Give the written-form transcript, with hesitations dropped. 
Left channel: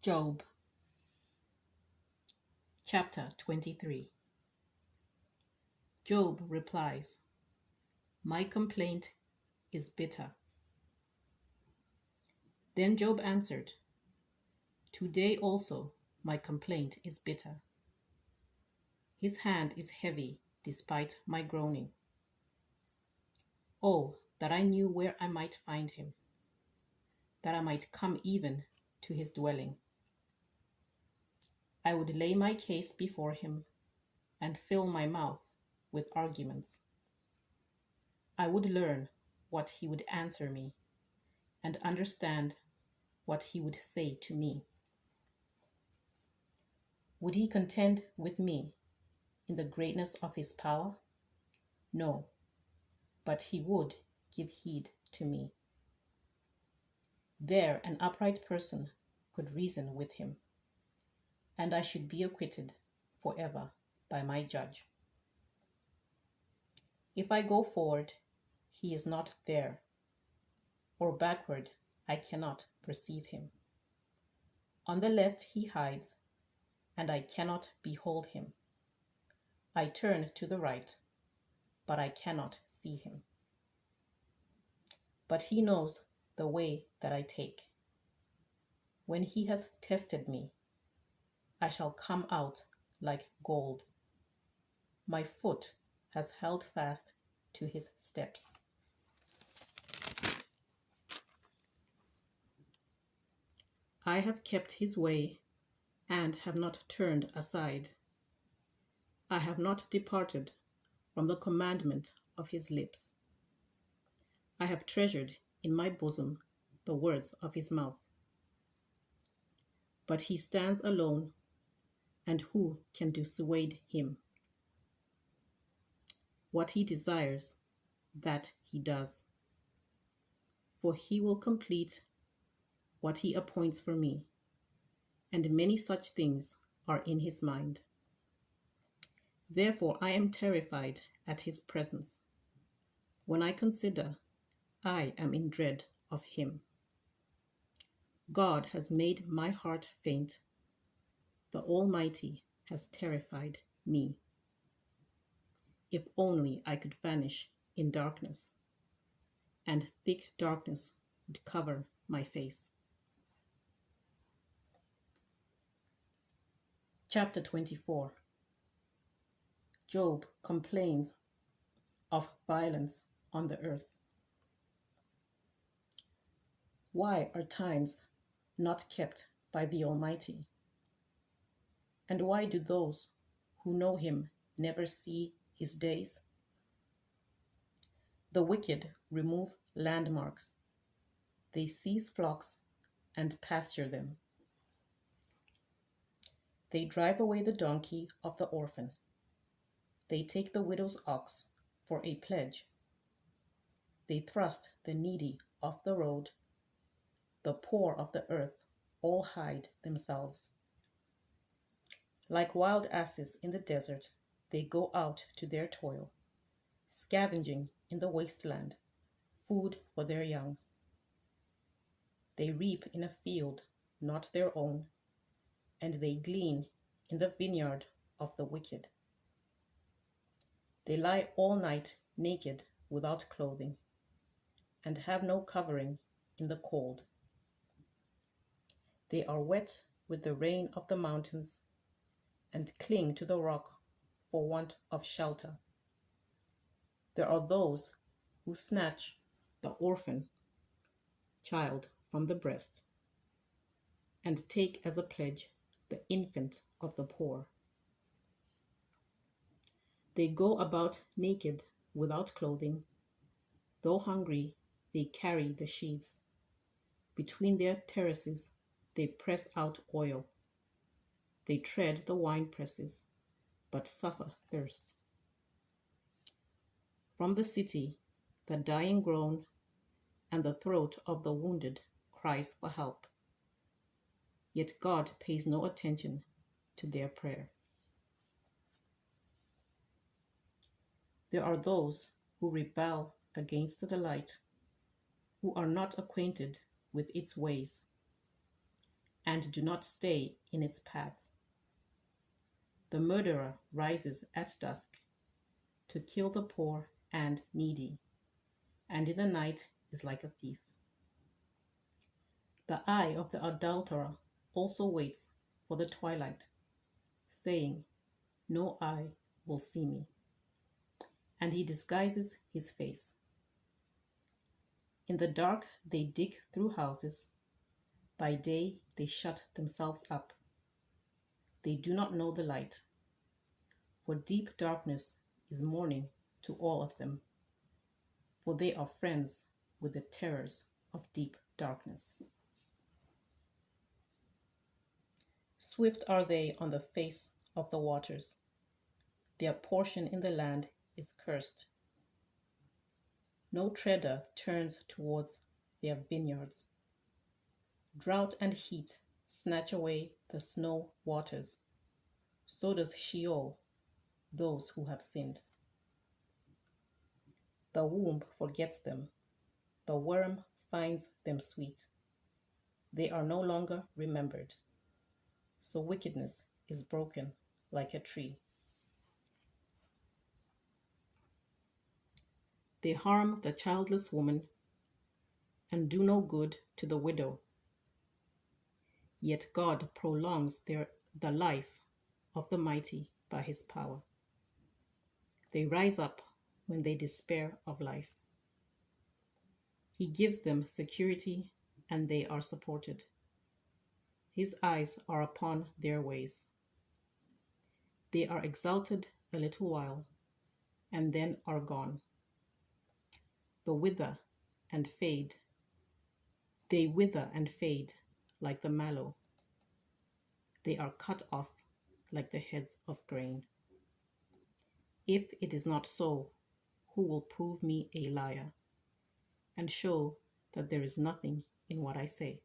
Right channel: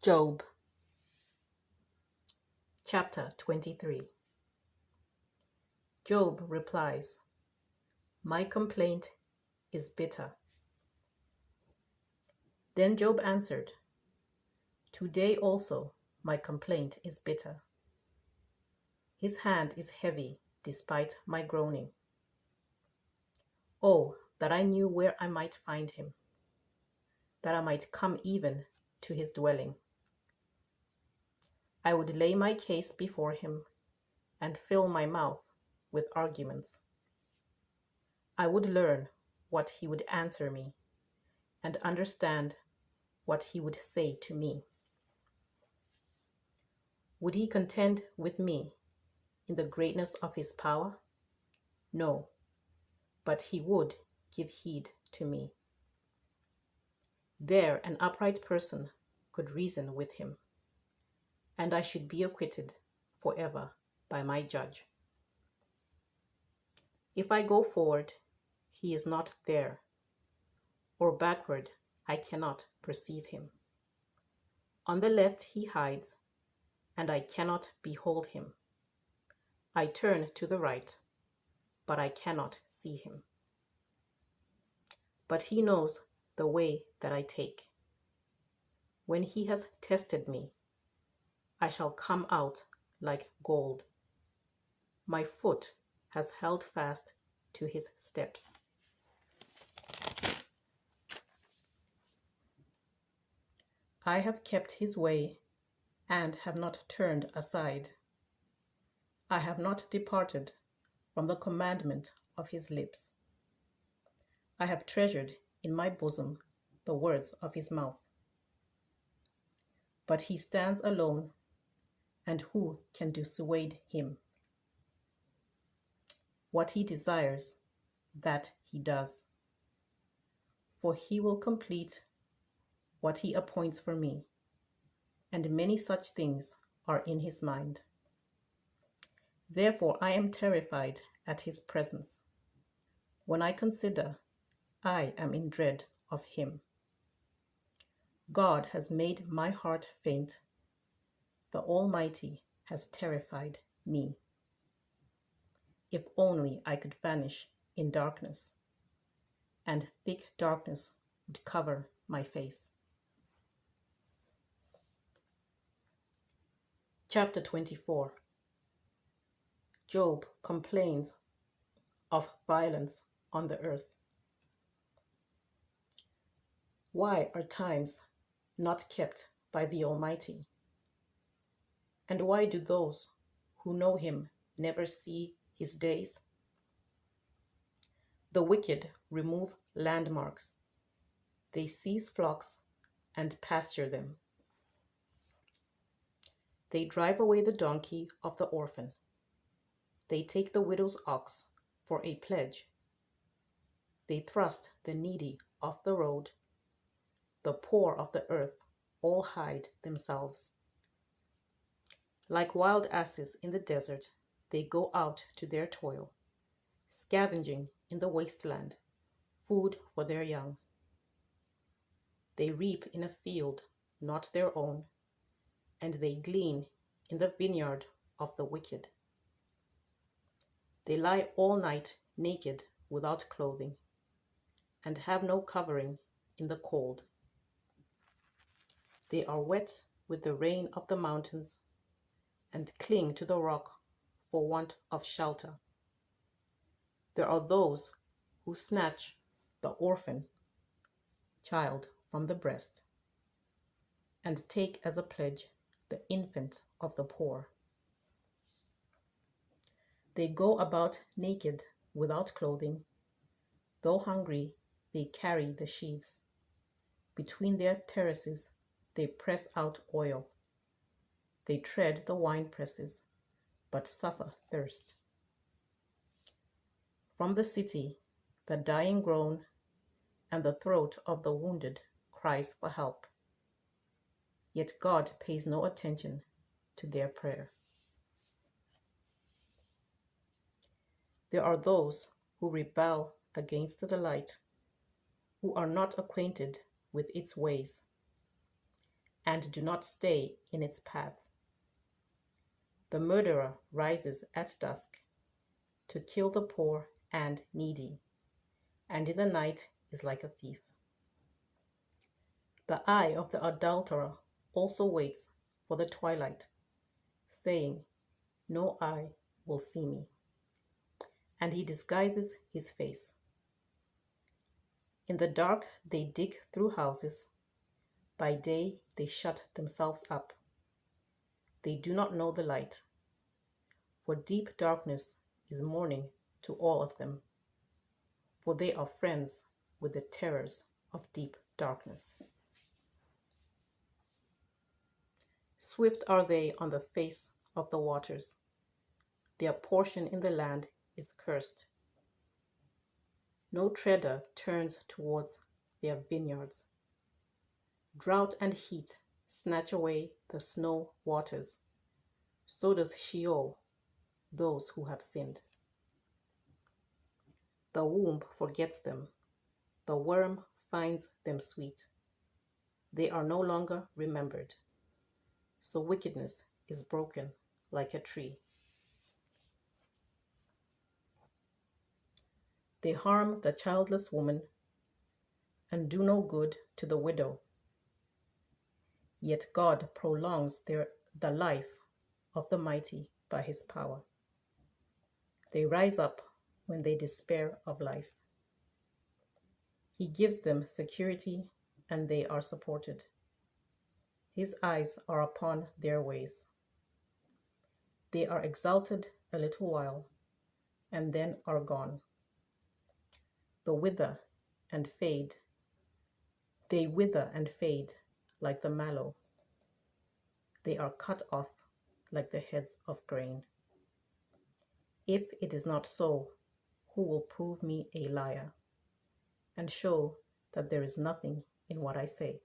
Job, chapter 23. Job replies, "My complaint is bitter." Then Job answered, "Today also my complaint is bitter. His hand is heavy despite my groaning. Oh, that I knew where I might find him, that I might come even to his dwelling. I would lay my case before him and fill my mouth with arguments. I would learn what he would answer me and understand what he would say to me. Would he contend with me in the greatness of his power? No, but he would give heed to me. There an upright person could reason with him, and I should be acquitted forever by my judge. If I go forward, he is not there, or backward, I cannot perceive him. On the left he hides, and I cannot behold him. I turn to the right, but I cannot see him. But he knows the way that I take. When he has tested me, I shall come out like gold. My foot has held fast to his steps. I have kept his way and have not turned aside. I have not departed from the commandment of his lips. I have treasured in my bosom the words of his mouth. But he stands alone, and who can dissuade him? What he desires, that he does. For he will complete what he appoints for me, and many such things are in his mind. Therefore I am terrified at his presence. When I consider, I am in dread of him. God has made my heart faint. The Almighty has terrified me. If only I could vanish in darkness, and thick darkness would cover my face. Chapter 24. Job complains of violence on the earth. Why are times not kept by the Almighty? And why do those who know him never see his days? The wicked remove landmarks. They seize flocks and pasture them. They drive away the donkey of the orphan. They take the widow's ox for a pledge. They thrust the needy off the road. The poor of the earth all hide themselves. Like wild asses in the desert, they go out to their toil, scavenging in the wasteland, food for their young. They reap in a field not their own, and they glean in the vineyard of the wicked. They lie all night naked without clothing, and have no covering in the cold. They are wet with the rain of the mountains, and cling to the rock for want of shelter. There are those who snatch the orphan child from the breast, and take as a pledge the infant of the poor. They go about naked without clothing. Though hungry, they carry the sheaves. Between their terraces, they press out oil. They tread the wine presses, but suffer thirst. From the city, the dying groan, and the throat of the wounded cries for help. Yet God pays no attention to their prayer. There are those who rebel against the light, who are not acquainted with its ways. and do not stay in its paths. The murderer rises at dusk to kill the poor and needy, and in the night is like a thief. The eye of the adulterer also waits for the twilight, saying, "No eye will see me." And he disguises his face. In the dark they dig through houses. By day they shut themselves up. They do not know the light, for deep darkness is morning to all of them, for they are friends with the terrors of deep darkness. Swift are they on the face of the waters. Their portion in the land is cursed. No treader turns towards their vineyards. Drought and heat snatch away the snow waters. So does Sheol those who have sinned. The womb forgets them. The worm finds them sweet. They are no longer remembered. So wickedness is broken like a tree. They harm the childless woman and do no good to the widow. Yet God prolongs the life of the mighty by his power. They rise up when they despair of life. He gives them security and they are supported. His eyes are upon their ways. They are exalted a little while and then are gone. They wither and fade like the mallow. They are cut off like the heads of grain. If it is not so, who will prove me a liar and show that there is nothing in what I say?